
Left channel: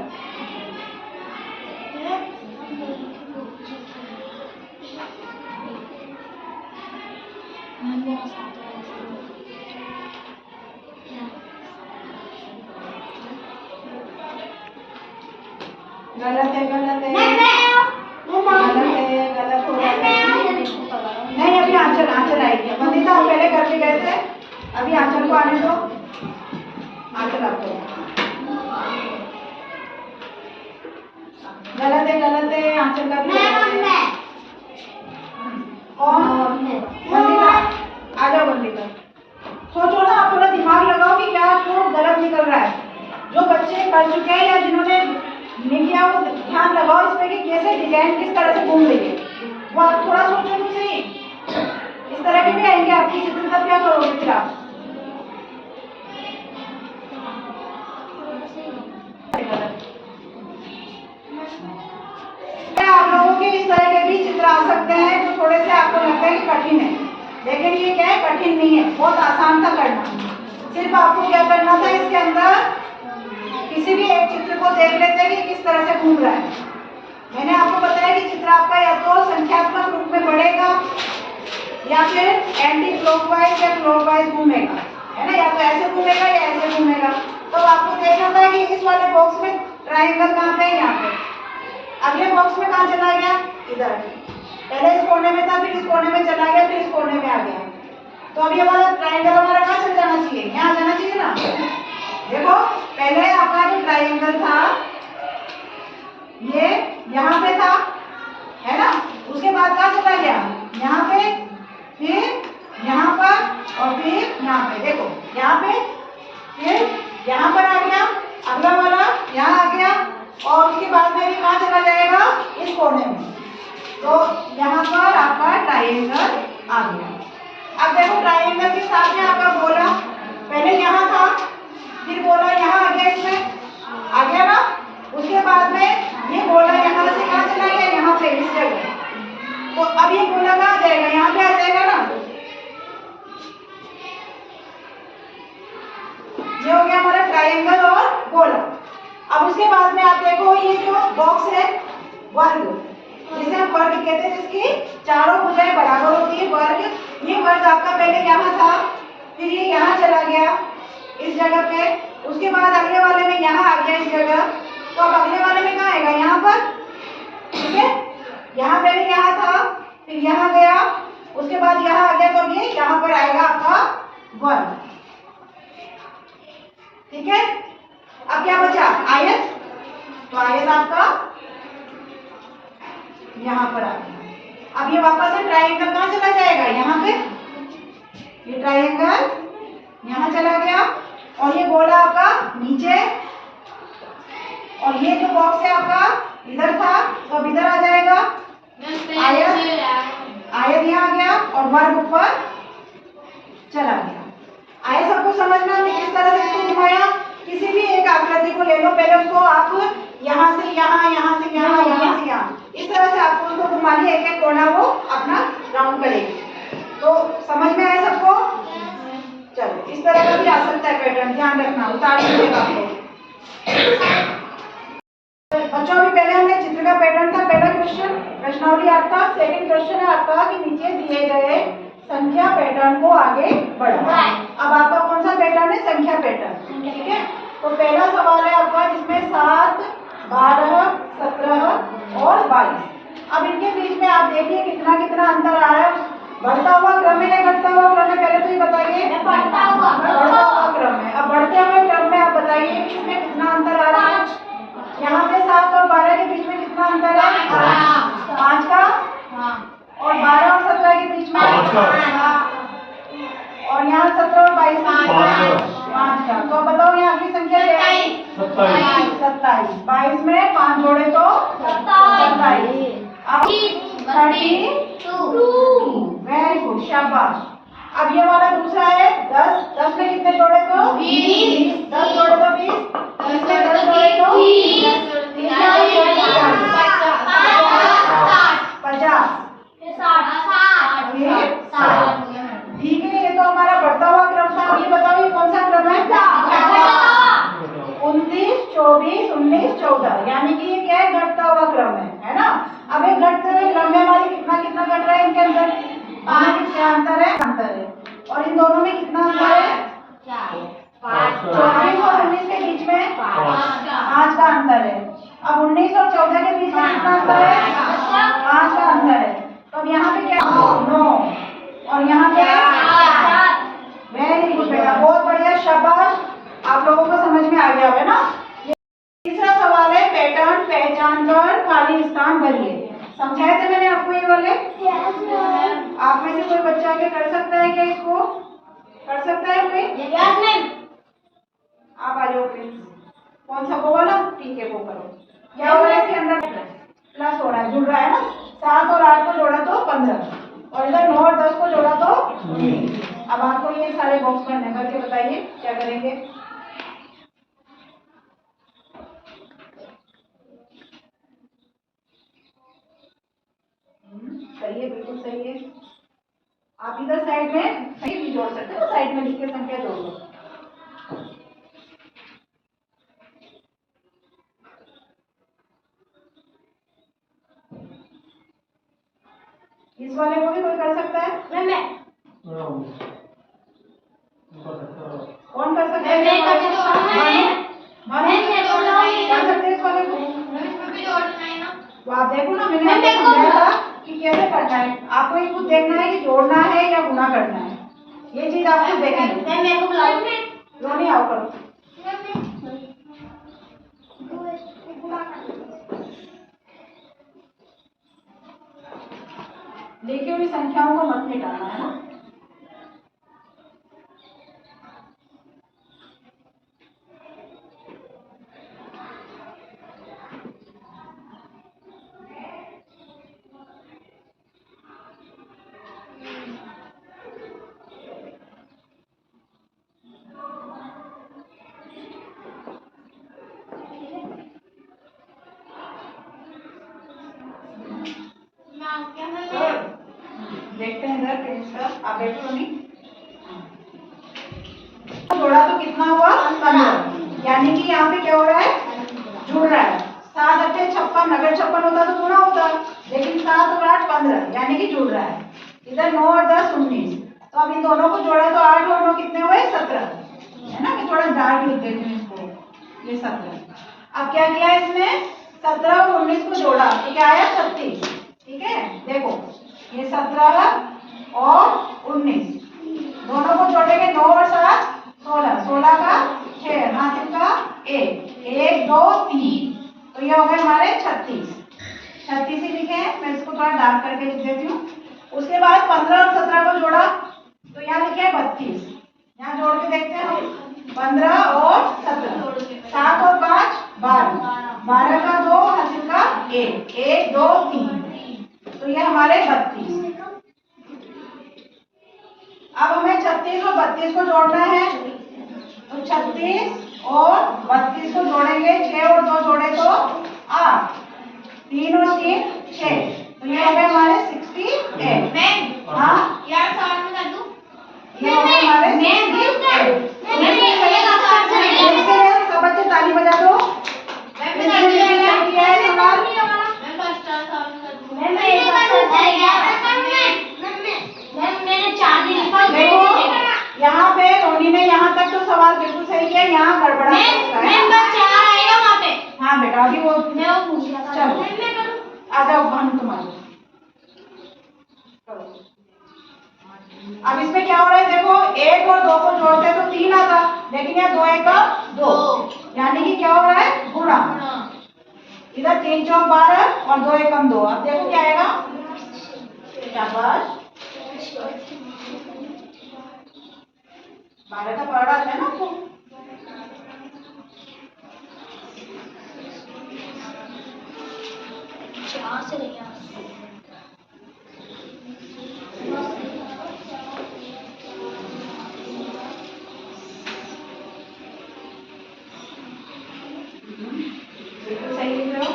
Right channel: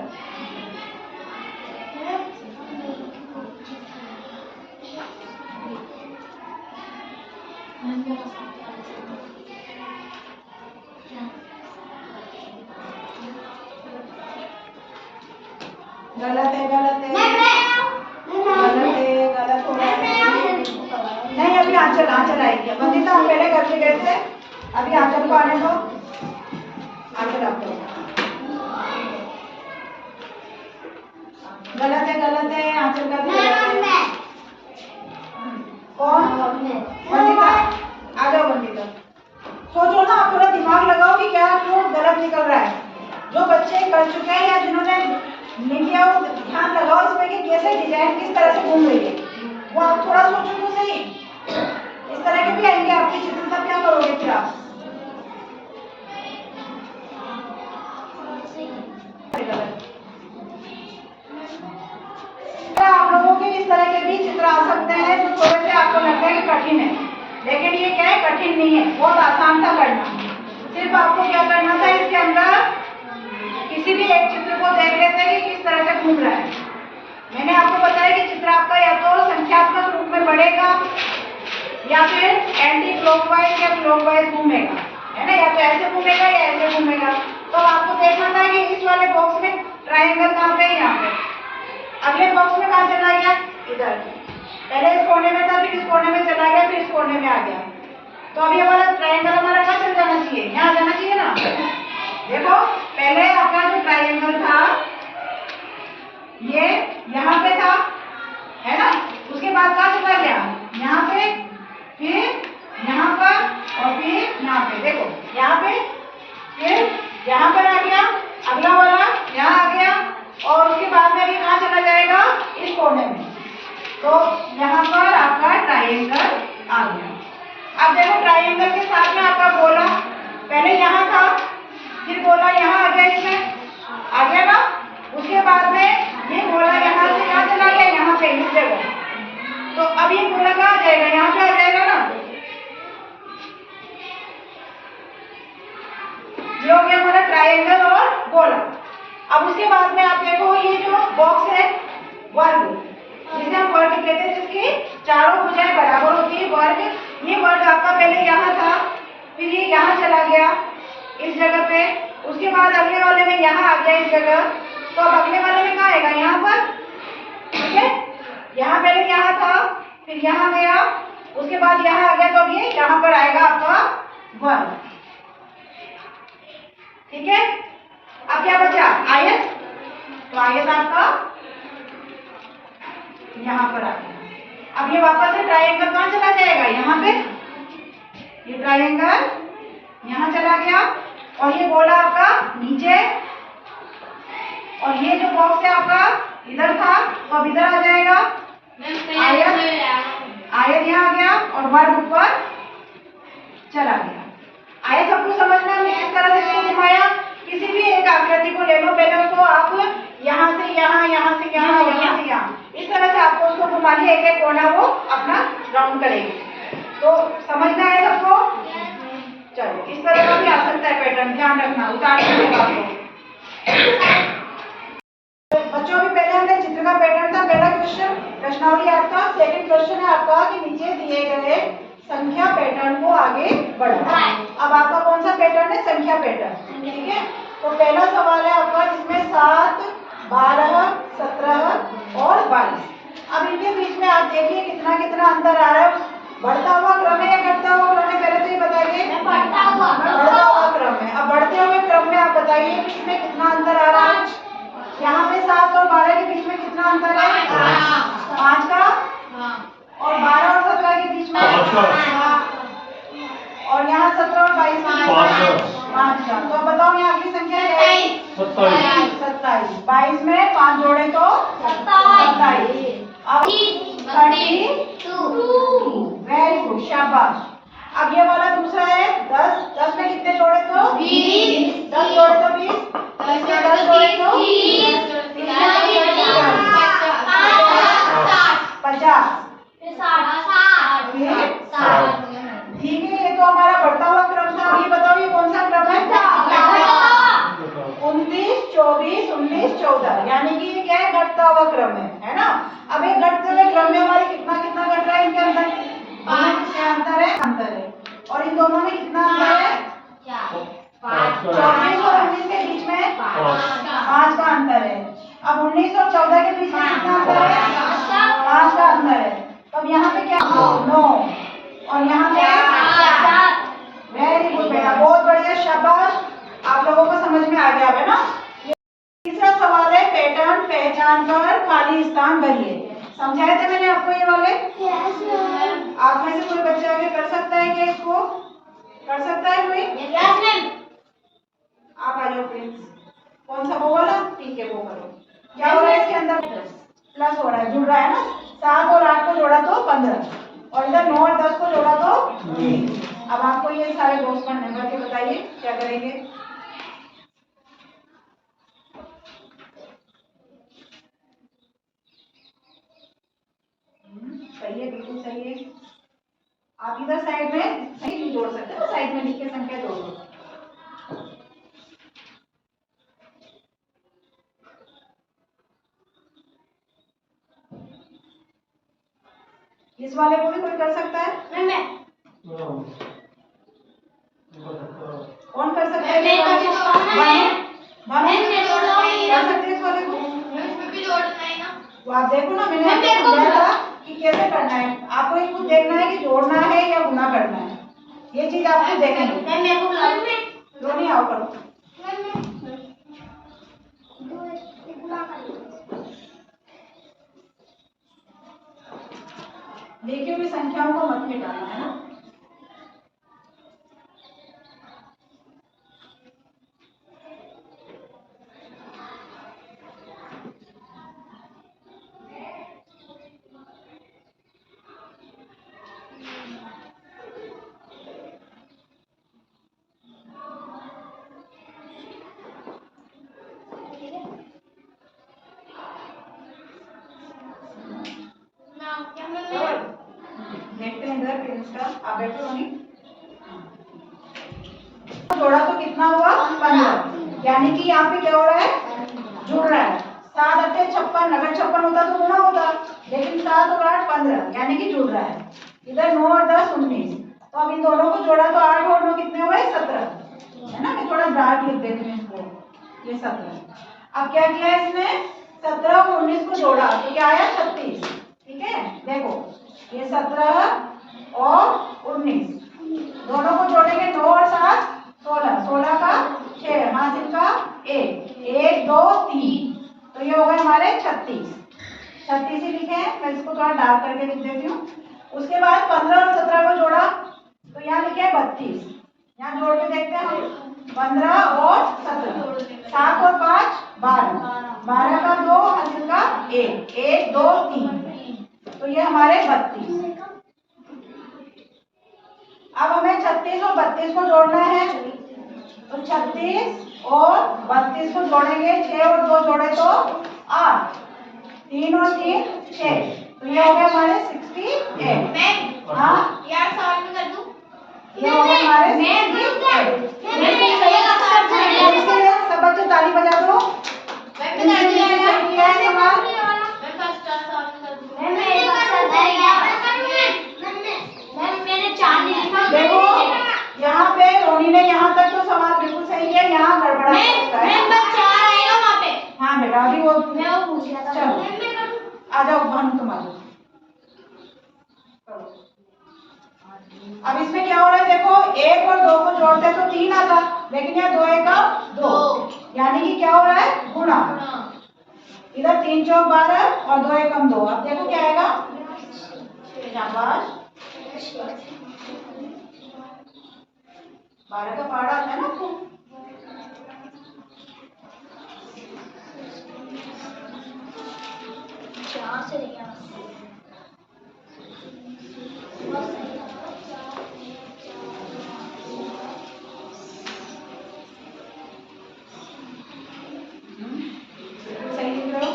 गलत है गलत है गलत है, गलत हो रहा है। नहीं, अभी आंचल आंचल आएगी। वंदिता हम पहले करके गए थे, अभी आंचल को आने दो। आंचल आपको गलत है आंचल का भी गलत है। कौन? वंदिता आ जाओ। वंदिता सोचो ना, आप थोड़ा दिमाग लगाओ कि क्या क्यों गलत निकल रहा है। जो बच्चे कर चुके हैं या जिन्होंने नहीं किया, वो ध्यान लगाओ इस पे कि कैसे डिजाइन किस तरह से घूम रही है। वो आप थोड़ा सोचो तो सही। इस तरह के भी आएंगे आपकी चित्र, तब क्या करोगे फिर आप? आप लोगों के इस तरह के भी चित्र आ सकते हैं जो थोड़े से आपको लगता है कि कठिन है, लेकिन ये क्या है, कठिन नहीं है, बहुत आसान था करना। सिर्फ आपको क्या करना था, इसके अंदर किसी भी एक चित्र को देख लेते हैं कि किस तरह से घूम रहा है। मैंने आपको बताया कि चित्र आपका या तो संख्यात्मक रूप में बढ़ेगा या फिर एंटी क्लॉकवाइज या क्लॉकवाइज घूमेगा, है ना। या तो ऐसे घूमेगा या ऐसे घूमेगा। तो आपको देखना था कि इस वाले बॉक्स में ट्रायंगल कहाँ पे है, यहाँ पे। अगले बॉक्स में कहाँ चला गया? इधर। पहले इस कोने में था, फिर इस कोने में चला गया, फिर इस कोने में आ गया। तो अब ये वाला ट्रायंगल हमारा कहाँ चल जाना चाहिए? यहाँ जाना चाहिए ना। देखो पहले आपका जो ट्रायंगल था ये यहाँ पे था, है ना। उसके बाद कहाँ चला गया? यहाँ पे, फिर यहाँ पर और फिर यहाँ पे। देखो यहाँ पे, फिर इस जगह। तो अब ये गोला कहाँ आ जाएगा, यहाँ पे आ जाएगा ना। ये हो गया हमारा ट्रायंगल और गोला। अब उसके बाद में आप देखो ये जो बॉक्स है वर्ग, जिसे हम वर्ग कहते हैं, जिसकी चारों भुजाएं बराबर होती है, वर्ग। ये वर्ग आपका पहले यहाँ था, फिर ये यहाँ चला गया इस जगह पे, उसके बाद अगले वाले में यहाँ आ गया इस जगह। तो अब अगले वाले में कहाँ आएगा, यहाँ पर, ठीक है। यहाँ पहले यहाँ था, फिर यहाँ गया, उसके बाद यहाँ आ गया, तो अब ये यहाँ पर आएगा आपका वर्ग, ठीक है। अब क्या बचा, आयत। तो आयत आपका यहाँ पर आ गया। अब ये वापस से ट्रायंगल कहाँ चला जाएगा, यहाँ पे। ये ट्रायंगल यहाँ चला गया, और ये गोला आपका नीचे, और ये जो बॉक्स है आपका इधर था, तो अब इधर आ जाएगा। आयत यहाँ आ गया, और वर्ग ऊपर चला गया। आयत सबको समझ में हमने किस तरह से इसको घुमाया। किसी भी एक आकृति को ले लो, पहले उसको आप यहाँ से यहाँ, यहाँ से यहाँ, यहाँ से यहाँ, इस तरह से आपको उसको घुमानी, एक एक कोना वो अपना राउंड करेगी। तो समझ में आया सबको। चलो, इस तरह का भी आ सकता है पैटर्न, ध्यान रखना, उतार दीजिएगा आप लोग। बच्चों भी पहले हमने चित्र का पैटर्न था, पहला क्वेश्चन प्रश्नावली याद था। सेकंड क्वेश्चन है आपका कि नीचे दिए गए संख्या पैटर्न को आगे बढ़ाओ। अब आपका कौन सा पैटर्न है, संख्या पैटर्न, ठीक है। तो पहला सवाल है आपका, जिसमें 7, 12, 17 और 22। अब इनके बीच में आप देखिए कितना कितना अंतर आ रहा है। बढ़ता हुआ क्रम है या घटता हुआ क्रम है, पहले तो ये बताइए। बढ़ता हुआ क्रम है। अब बढ़ते हुए क्रम में आप बताइए इसमें कितना अंतर आ रहा है। यहाँ पे 7 और 12 के बीच में कितना अंतर है, 5 का। और 12 और 17 के बीच में 5 का। और यहाँ 17 और 22 5 का। तो बताओ यहाँ की संख्या क्या है, 27। 22 में 5 जोड़े तो 27। अब 32। वेरी गुड, शाबाश। अब ये वाला दूसरा है 10। 10 में कितने जोड़े तो 20। 10 जोड़े तो 20। 10 में 10 जोड़े तो 50। ठीक है, ये तो हमारा बढ़ता हुआ क्रम था। अब ये बताओ ये कौन सा क्रम है, 29, 24, 19, 14, यानी कि ये क्या है, घटता हुआ क्रम है ना। अब एक घटते हुए क्रम में हमारे कितना कितना घट रहा है, इनके अंदर 5 अंतर है। और इन दोनों में कितना अंतर है, 24 और 19 के बीच में 5 का अंतर है। अब 19 और 14 के बीच में कितना अंतर है, 5 का अंतर है। तो अब यहाँ पे क्या, 9, और यहाँ पे वेरी गुड बेटा, बहुत बढ़िया, शाबाश। आप लोगों को समझ में आ गया है ना। तीसरा सवाल है, पैटर्न पहचान कर खाली स्थान भरिए। समझाए थे मैंने आपको ये वाले। आप में से कोई बच्चा आगे कर सकता है क्या, इसको कर सकता है कोई? आप आ जाओ प्लीज। कौन सा, वो वाला, ठीक है, वो करो। क्या हो रहा है इसके अंदर, प्लस हो रहा है, जुड़ रहा है ना। 7 और 8 को जोड़ा तो 15, और इधर 9 और 10 को जोड़ा तो 20। अब आपको ये सारे बॉक्स भरने करके बताइए क्या करेंगे। सही है, बिल्कुल सही है। आप इधर साइड में सही भी जोड़ सकते हो, साइड में लिख के संख्या जोड़ दो। इस वाले को भी कोई कर सकता है, कौन कर सकता है, कर सकते हैं इस वाले को। तो आप देखो ना, मैंने आपको समझाया था कि कैसे करना है। आपको ये खुद देखना है कि जोड़ना है या गुणा करना है, ये चीज आप खुद देखेंगे। क्यों नहीं, आओ करो। लिखी हुई संख्याओं को मत मिटाना, है ना। सिस्टर, आप बैठो मम्मी। जोड़ा तो कितना हुआ? 15, यानी कि यहाँ पे क्या हो रहा है? जुड़ रहा है। 7 अट्ठे 56, अगर 56 होता तो गुणा होता, लेकिन 7 और 8 15, यानी कि जुड़ रहा है। इधर 9 और 10 19, तो अब इन दोनों को जोड़ा तो 8 और 9 कितने हुए? 17, है ना? मैं थोड़ा डार्क लिख देती हूँ इसको, ये 17। अब क्या किया इसने? 17 और 19 को जोड़ा तो क्या आया? 36। ठीक है, देखो ये 17 और 19 दोनों को जोड़ेंगे, 9 और 7 16, 16 का 6, हासिल का 1, 1 2 3, तो ये हो गए हमारे 36। 36 ही लिखे हैं, मैं इसको थोड़ा डार्क करके लिख देती हूँ। उसके बाद 15 और 17 को जोड़ा तो यहाँ लिखे हैं 32। यहाँ जोड़ के देखते हैं हम, 15 और 17, 7 और 5 12, 12 का 2, हासिल का 1, 1 2 3, तो ये हमारे 32। अब हमें 36 और 32 को जोड़ना है, तो 36 और 32 को जोड़ेंगे, 6 और 2 जोड़े तो 8, 3 और 3 6, तो ये हो गए हमारे 68। हाँ यार सवाल में कर दूं? ये हो गए हमारे 68। सब बच्चे ताली बजा दो। मैं कर दूं यार। किया है सवाल? मैं फर्स्ट सवाल में कर दूं। मैंने 4 नहीं लिखा। देखो यहाँ पे रोनी ने यहाँ तक तो सवाल बिल्कुल सही किया, यहाँ गड़बड़ा है उसका, है ना? 4 आएगा वहाँ पे। हाँ बेटा, अभी वो मैं वो भूल गया था। चलो मैं करूँ? आ जाओ भानु, तुम आ जाओ। अब इसमें क्या हो रहा है? देखो 1 और 2 को जोड़ते तो 3 आता, लेकिन यहाँ 2 1 2, यानी कि क्या हो रहा है? गुणा। इधर 3 चौक 12 और 2 1 2, अब देखो क्या आएगा? शाबाश, 12 का पहाड़ा आता है ना आपको? बिल्कुल सही लिख रहे हो।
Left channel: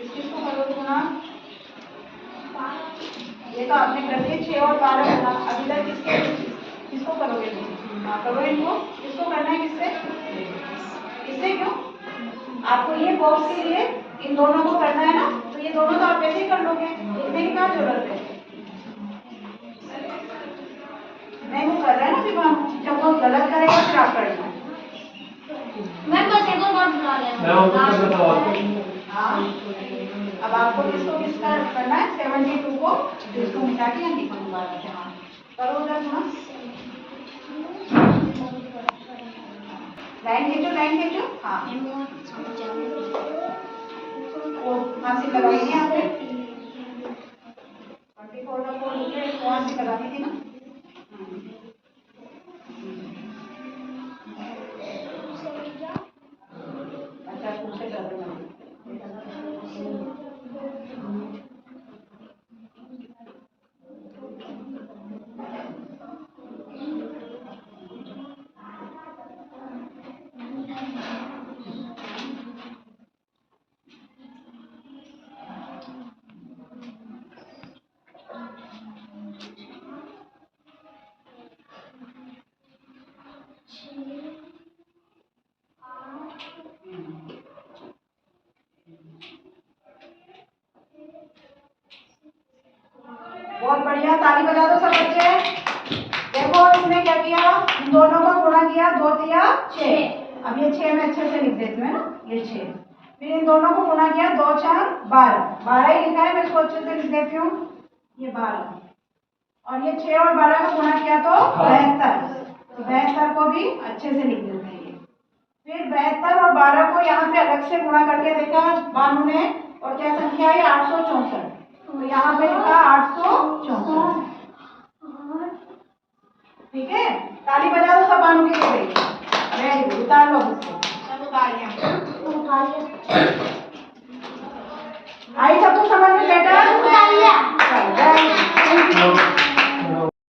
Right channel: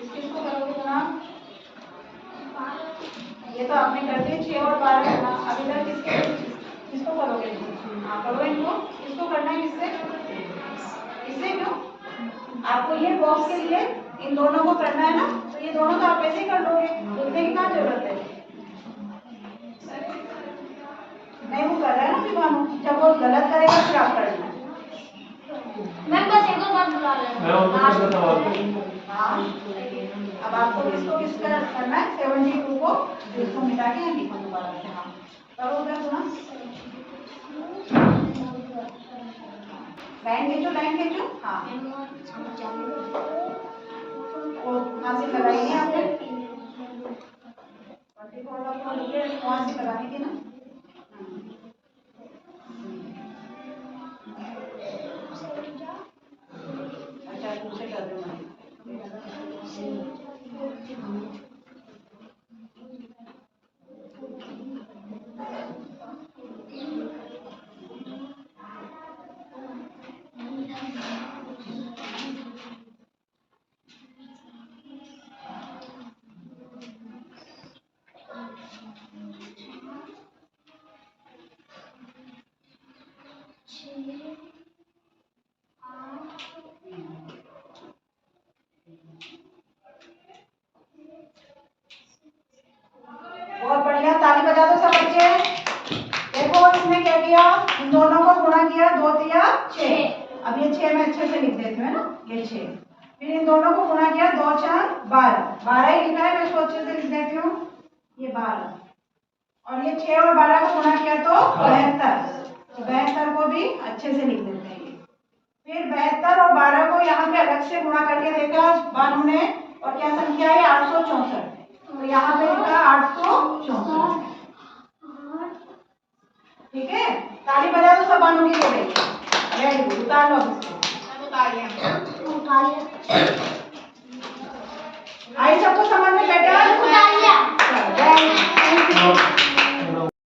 किसको करोगे गुणा? ये तो आपने कर दिए 6 और 12 गुणा। अब इधर किसको करोगे तुम? हाँ करो इनको। किसको करना है? किससे? इससे क्यों? आपको ये बॉक्स के लिए इन दोनों को करना है ना, तो ये दोनों तो आप ऐसे ही कर लोगे, लिखने की क्या जरूरत है? नहीं, वो कर रहा है ना दिमाग, जब वो गलत करेगा फिर आप करना। मैं बस एक और बार बुला रहा हूँ। हाँ, अब आपको किसको किसका करना है? 72 को जिसको मिटा के यहाँ लिखा दोबारा से। हाँ करो उधर गुणा, लाइन खींचो, लाइन खींचो। हाँ वो हासिल लगाएंगे आपने 24 का 4 लिखे, वहाँ से लगानी थी ना। अच्छा तुमसे कर दो ना। बहुत बढ़िया, ताली बजा दो सब बच्चे। देखो इसने क्या किया? इन दोनों को गुणा किया, 2 तिया 6। अब ये 6 में अच्छे से लिख देती हूँ, है ना? ये 6, फिर इन दोनों को गुणा किया, 2 4 12, 12 ही लिखा है, मैं इसको अच्छे से लिख देती हूँ, ये 12, और ये 6 और 12 को गुणा किया तो 72, तो 72 को भी अच्छे से लिख देते हैं ये। फिर 72 और 12 को यहाँ पे अलग से गुणा करके देखा बानू ने, और क्या संख्या है? 864, तो यहाँ पे लिखा 864। ठीक है, ताली बजा दो सब बानू के लिए। वेरी गुड, उतार लो इसको। सब उतार लिया।